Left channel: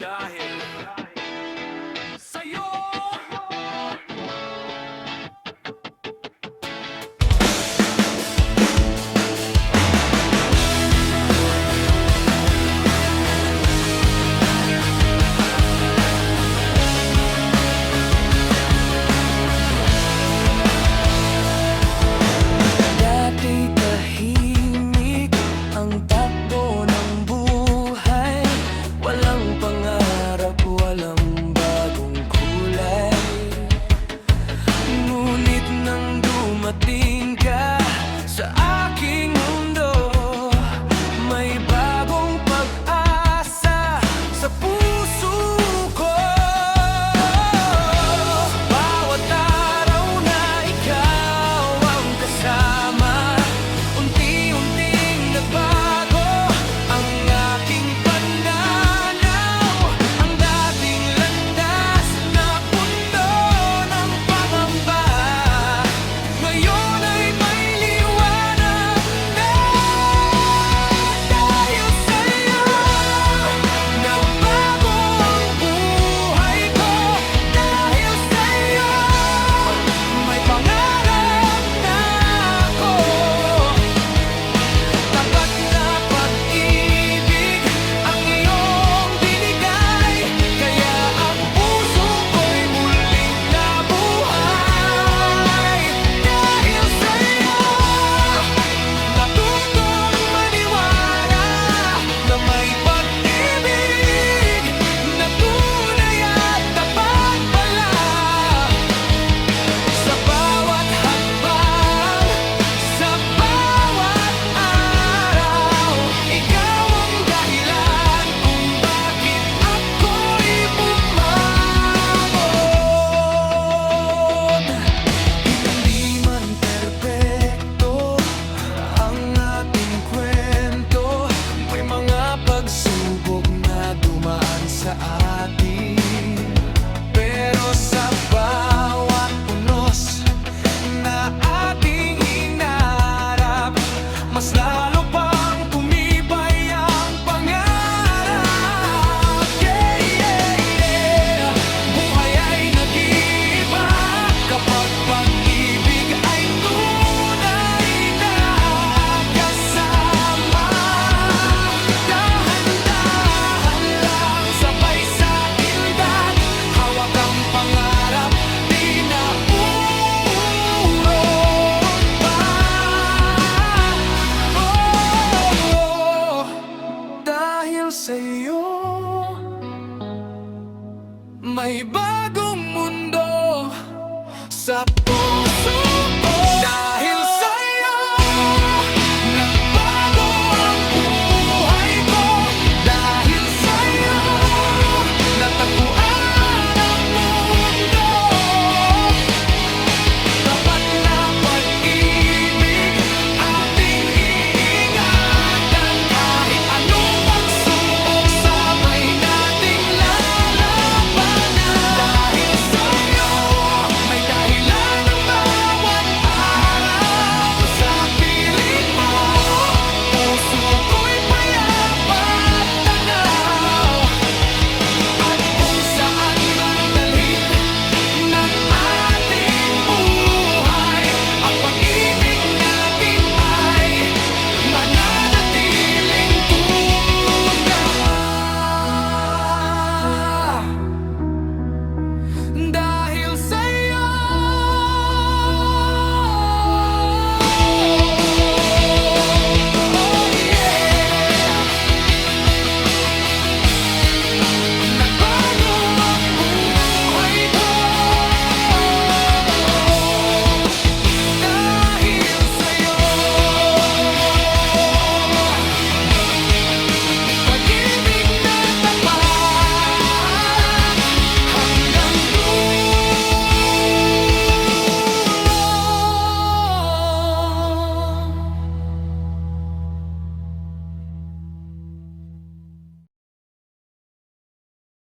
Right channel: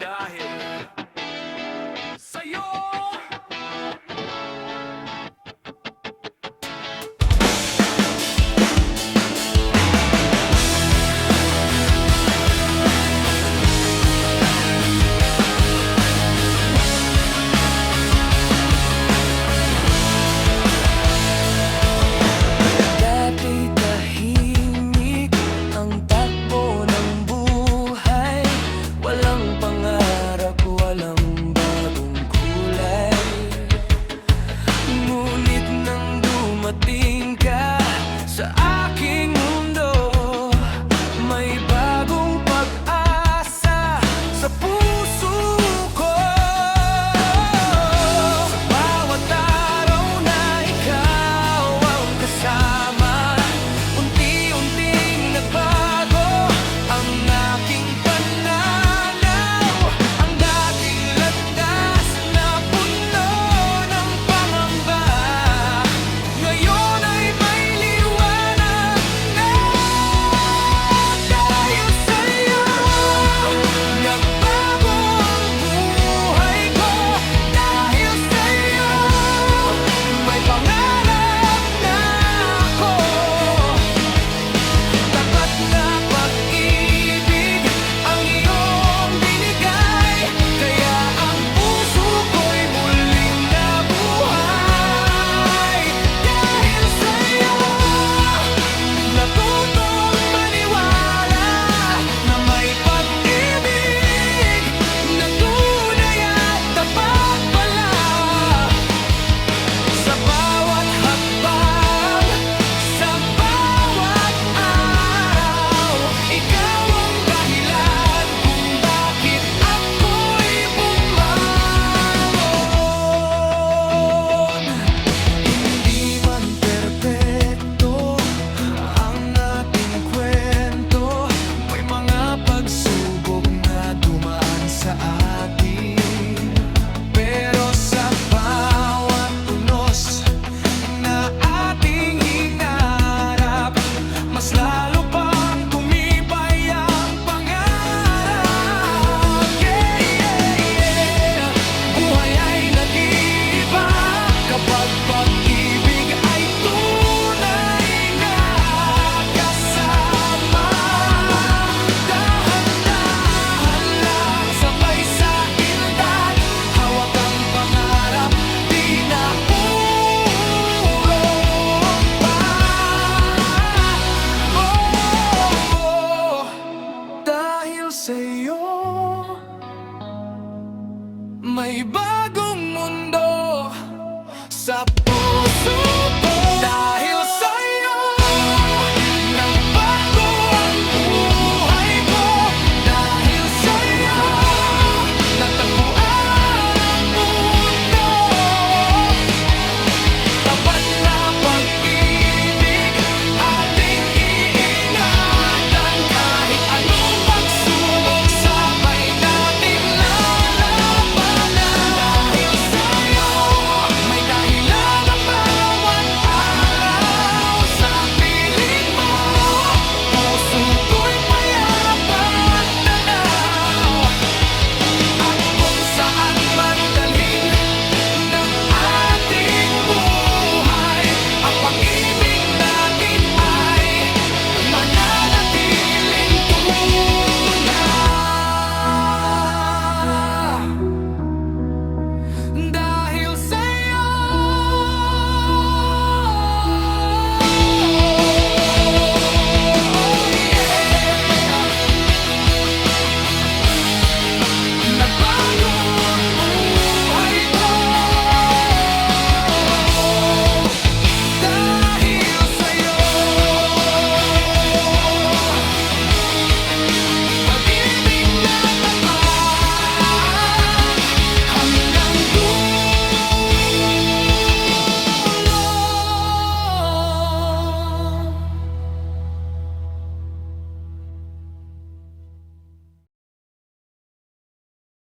Dahil sa'yo. Dati tahimik ang takbo ng buhay, walang pangarap, walang bagong kulay. Ngunit nang dumating ka sa aking mundo, may bagong pag-asa sa puso ko. Sa bawat araw na ikaw ang kasama, unti-unting nagbago ang aking pananaw. Ang dating landas na puno ng pangamba, ngayon ay may liwanag na. Dahil sa'yo, nagbago ang buhay ko. Dahil sa'yo, may pangarap na ako. Tapat na pag-ibig ang iyong binigay, kaya ang puso ko'y muling nabuhay. Dahil sa'yo, natutong maniwala na may pag-ibig na tunay at tapat pala. Sa bawat hakbang, sa bawat araw, ikaw ang dahilan kung bakit ako'y bumangon. Hindi man perpekto ang ating kwento, may mga pagsubok na dumaan sa atin. Pero sa bawat unos na ating hinarap, mas lalo pang tumibay ang pangarap. Yeah, yeah, yeah. Buhay ay nag-iiba kapag pag-ibig ay tunay na kasama. Dahan-dahan lang, sabay sa indat, hawak ang pangarap, di na urong pa. Oh, dahil sa'yo, may bagong mundo sa